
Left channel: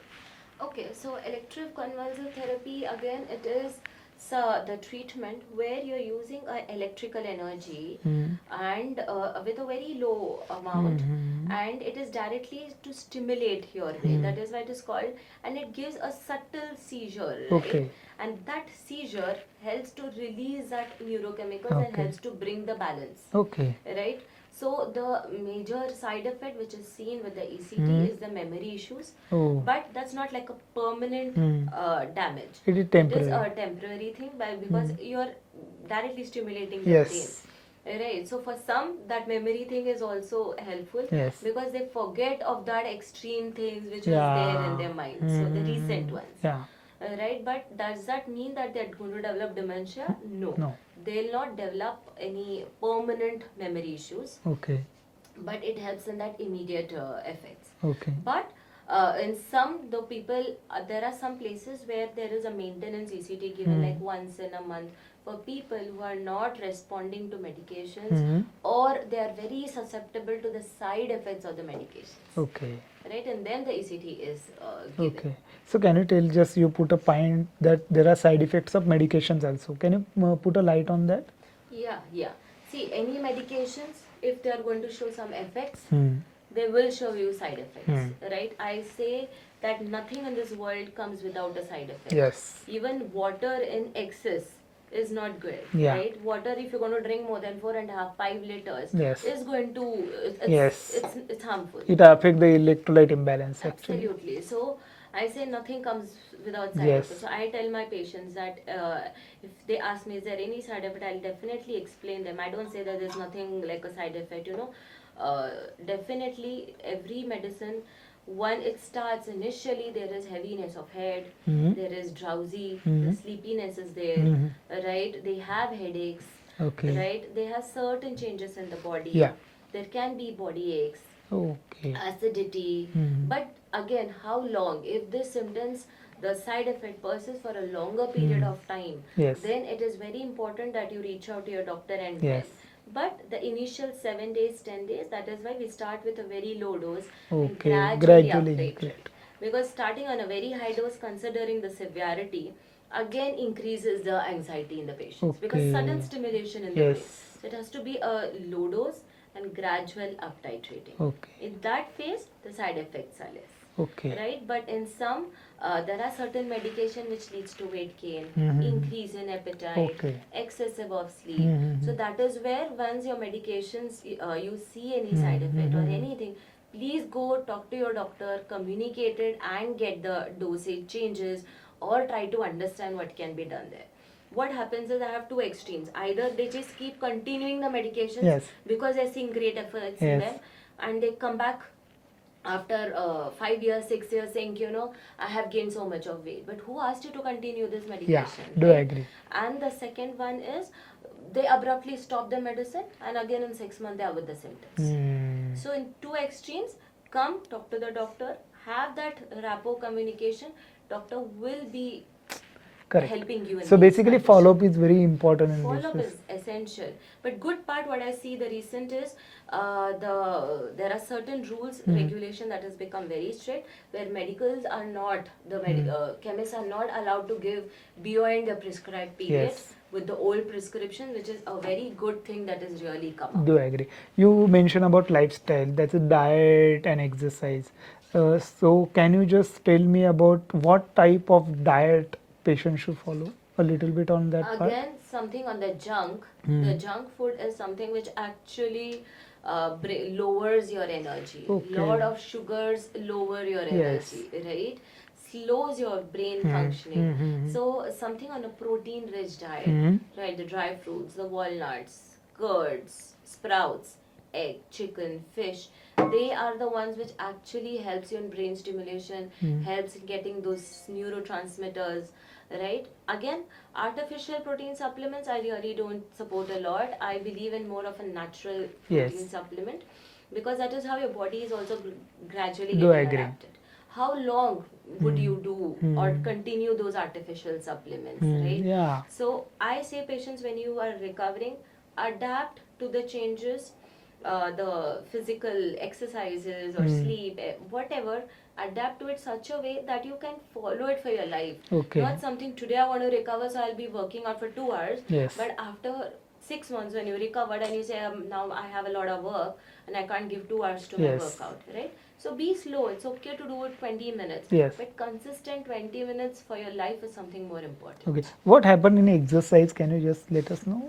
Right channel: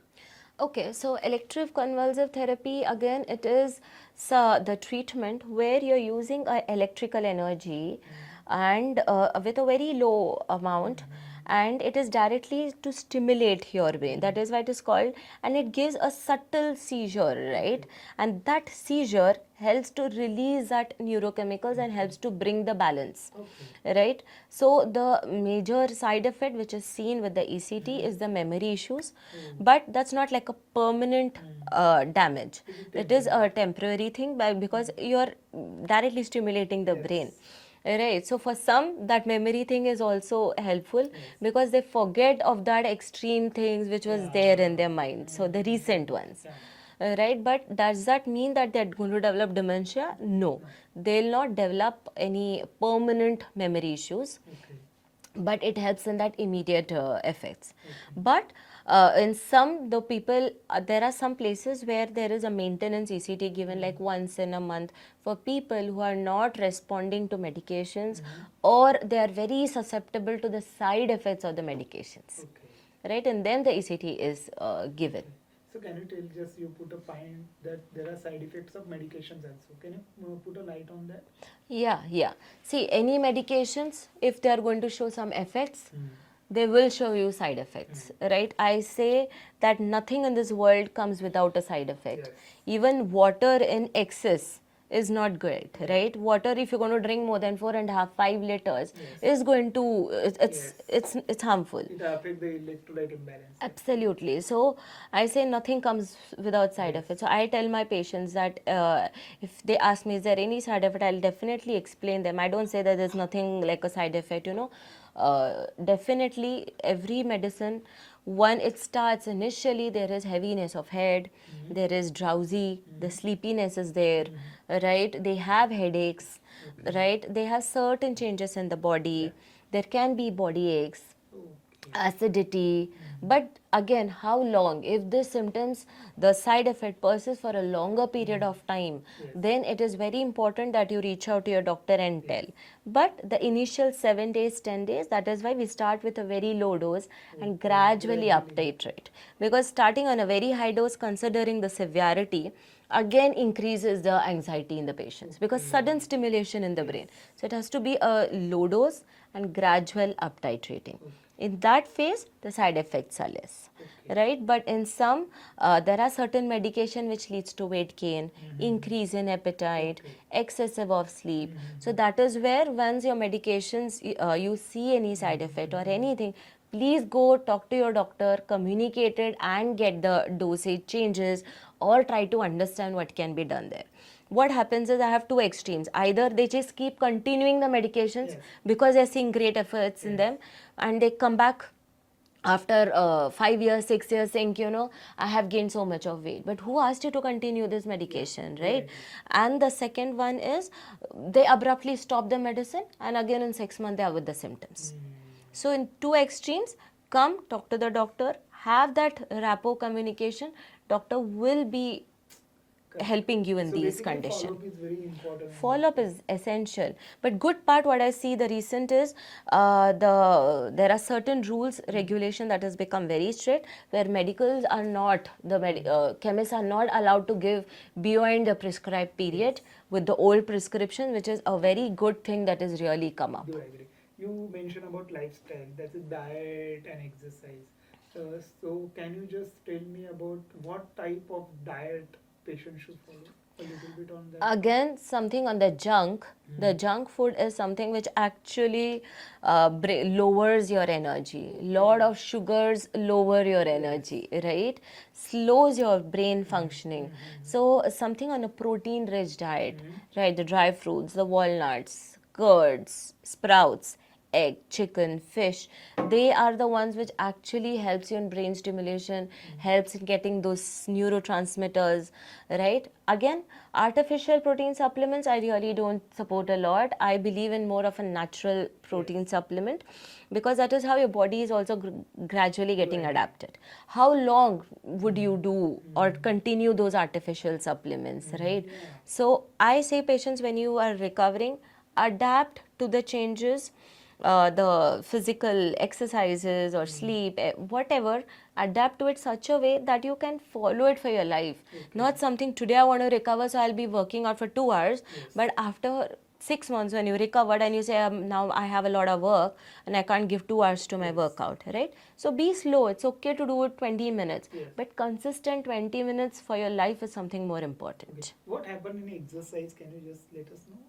Okay, so electroconvulsive therapy, again, it is the treatment where you're using electrical energy and with a very low amount, and it is directly to stimulate your brain. That is why it is called, and it gives a subtle seizure, right? Okay. And that seizure helps to release that neurochemicals and Okay. helps to bring the balance. Okay. Right? So the major side effect which is seen with the ECT is the memory issues, Oh. but that's not like a permanent damage. It is It is temporary. a temporary thing because you're directly stimulating the Yes. brain. Right. So for some, that memory thing is also helpful Yes. because they forget of that extreme things which was there in their mind. So the recent ones. Yeah. Right, but does that mean that they're going to develop dementia? No. They'll not develop any permanent memory issues, Okay. but it helps in that immediate effects. Okay. But in some, the people, there are some places where there is a maintenance ECT given like once in a month for people who are not responding to medications or they are very susceptible to the side effects of the medications. Okay. Right, and then the ECT is given. Okay. So can you tell, just you put a point that there are side effects of medications also. Can you put a light on that? Yeah. See, any medications, if they are going to show some effects, they will show you side effects, right? I say that nothing in this world comes without a side effect. Yes. Even water in excess is not good, Yeah. right? Water, if you're going to drink more than 4.5, 5 liters, Yes. is going to, Yes. it's harmful. It affects the electrolyte imbalance. Actually. Absolutely. So I say nothing comes without side Yes. effects. So I tell my patients that if they ask me, is there any side effect, I'll definitely explain them. I don't say that there's nothing like a side effect, definitely every medicine, when it starts initially, there is heaviness of head, there is drowsy, the sleepiness is there, right? They have headaches, Okay. right? They have certain changes in the body. Yeah. There can be body aches, Okay. acidity, but again, how long? If these symptoms, the side effect persists for a longer period of time, Yes. then it is very important that you reach out to your doctor and Yes. tell. But the initial 7 days, 10 days, that is why we start with a very low dose and Okay. gradually Gradually uptitrate. increase. Because starting on a very high dose, considering the severity, again increases the anxiety in the patients because Okay. sudden stimulation in the Yes. brain. So it has to be a low dose and gradual uptitrating. Okay. In that phase, the side effects are less. Okay. Right, but in some, there are certain medication which leads to weight gain, increase in appetite, Okay. excessive of sleep. So that is where once your medications, you see any side effect or anything, please go talk to your doctor, communicate it and get the dosage changes or try to understand what can be done there. What happens is I have two extremes. Either they just keep continuing the medications Yes. because they're seeing great efforts in Yes. them and they come back after 5 years, 6 years saying, I have gained so much of weight. But who asked you to continue this medication, do right? agree. And the second one is they abruptly stop the medicine and again in 6 months they are with the symptoms. So in two extremes, come talk to the doctor, have that rapport communication. Doctor will be Correct. helping you in So these basically conditions. follow-up is very important in Follow up this. is essential, but good part what I see the recent is there are certain rules regulation that has become very strict where medicals are not chemists are not allowed to give beyond the prescribed period. Yes. With the old prescription, which is a very good thing that is really come up. Do agree. You mentioned about lifestyle, that's a diet and exercise. So can you just tell me about what type of diet patients should follow? A little bit on that part. Again, something on the junk. The junk food is something which actually lowers your energy. Okay. Lot of sugars lower your energy, right? Slows your brain functioning. So something on a protein-rich diet, right? The dry fruits, the walnuts, curds, sprouts, egg, chicken, fish, they are the ones which actually helps you in brain stimulation, helps in getting those neurotransmitters, right? Again, artificial protein supplements I really don't support a lot. I believe in more of a natural protein supplement because that is how your body is also gradually getting adapted. How long would you do or continue those artificial supplements, right? Yeah. So I say patients, when you are recovering, adapt to the changes, the physical exercises or sleep, whatever, adapt to it such a way that you can follow it for your life. Okay. Not something today I want to recover, so I'll be working out for 2 hours. Yes. But after 6 months, when you recovered and you say, now I have a lot of work and I can't give 2 hours to my Yes. workout, right? So be slow. It's okay to do it 20 minutes. Yes. But consistent 20 minutes for your life is something more important. Okay. What happened in exercise? Can you just let us know?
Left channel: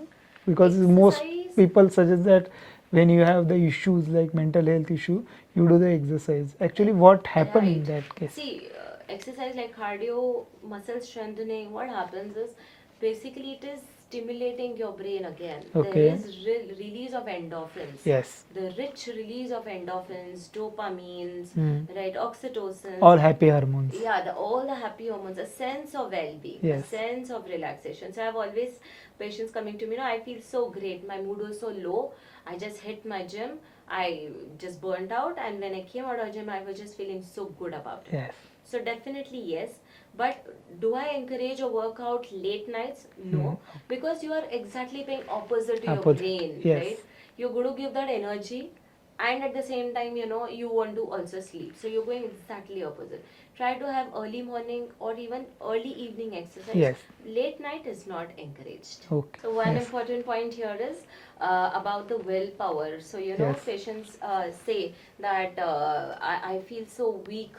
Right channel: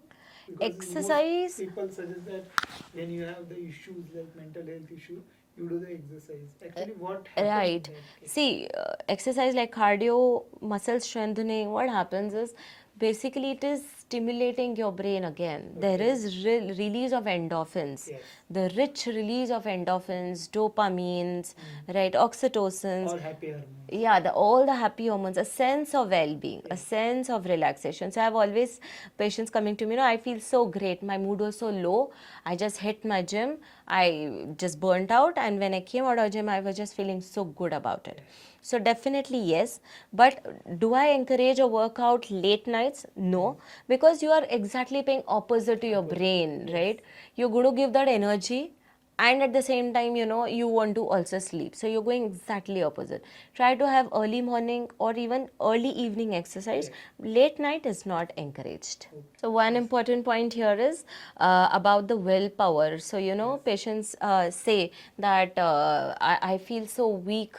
Because most Exercise- people suggest that when you have the issues like mental health issue, you do the exercise. Actually, what happened in that case? See, exercise like cardio, muscle strengthening, what happens is basically it is stimulating your brain again. Okay. There is release of endorphins. Yes. The rich release of endorphins, dopamines, right, oxytocin. All happy hormones. Yeah, all the happy hormones, a sense of well-being, a Yes. sense of relaxation. So I have always patients coming to me, I feel so great. My mood was so low. I just hit my gym. I just burnt out, and when I came out of gym, I was just feeling so good about it. Yes. So definitely yes, but do I encourage a workout late nights? No, because you are exactly paying opposite to your brain, Yes. right? You're going to give that energy, and at the same time, you want to also sleep. So you're going exactly opposite. Try to have early morning or even early evening exercise. Yes. Late night is not encouraged. Okay. So one important point here is about the willpower. So Yes. patients say that I feel so weak.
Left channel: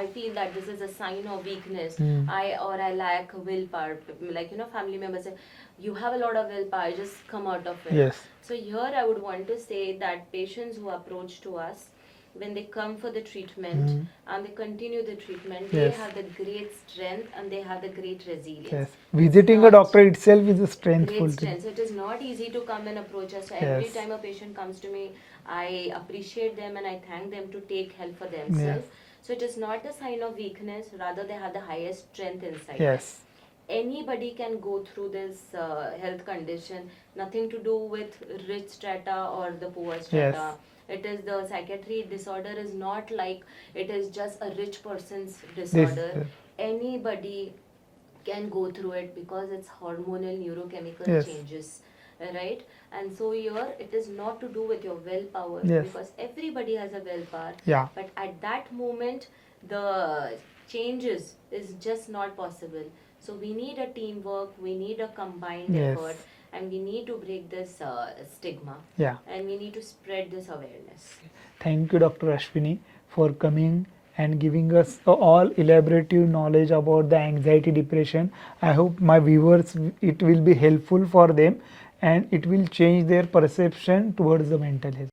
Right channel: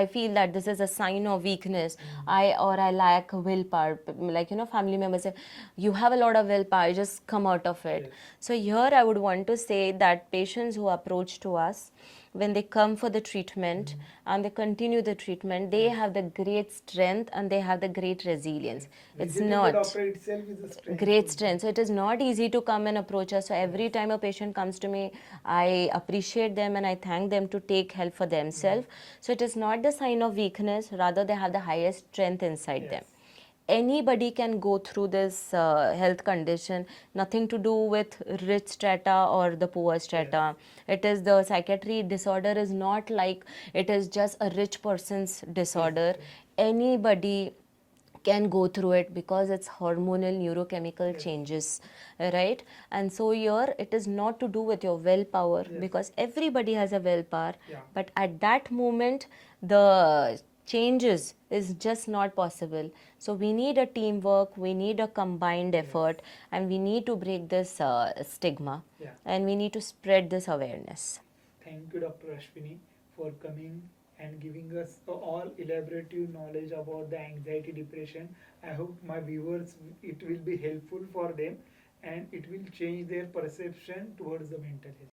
I feel that this is a sign of weakness. I lack willpower. Like family members say, you have a lot of willpower. Just come out of it. Yes. So here I would want to say that patients who approach to us, when they come for the treatment and they continue the treatment, they Yes. have the great strength and they have the great resilience. Yes. It's Visiting a not doctor itself is a strength. great strength. So it is not easy to come and approach us. So every Yes. time a patient comes to me, I appreciate them and I thank them to take help for themselves. So it is not the sign of weakness, rather they have the highest strength inside them. Yes. Anybody can go through this health condition, nothing to do with rich strata or the poor strata. It is the psychiatry disorder is not like it is just a rich person's disorder. Anybody can go through it because it's hormonal neurochemical Yes. changes, right? And so here it is not to do with your willpower, Yes. because everybody has a willpower. Yeah. But at that moment, the changes is just not possible. So we need a teamwork, we need a combined Yes. effort, and we need to break this stigma. Yeah. And we need to spread this awareness. Thank you, Dr. Ashwini, for coming and giving us all elaborative knowledge about the anxiety depression. I hope my viewers, it will be helpful for them and it will change their perception towards the mental health.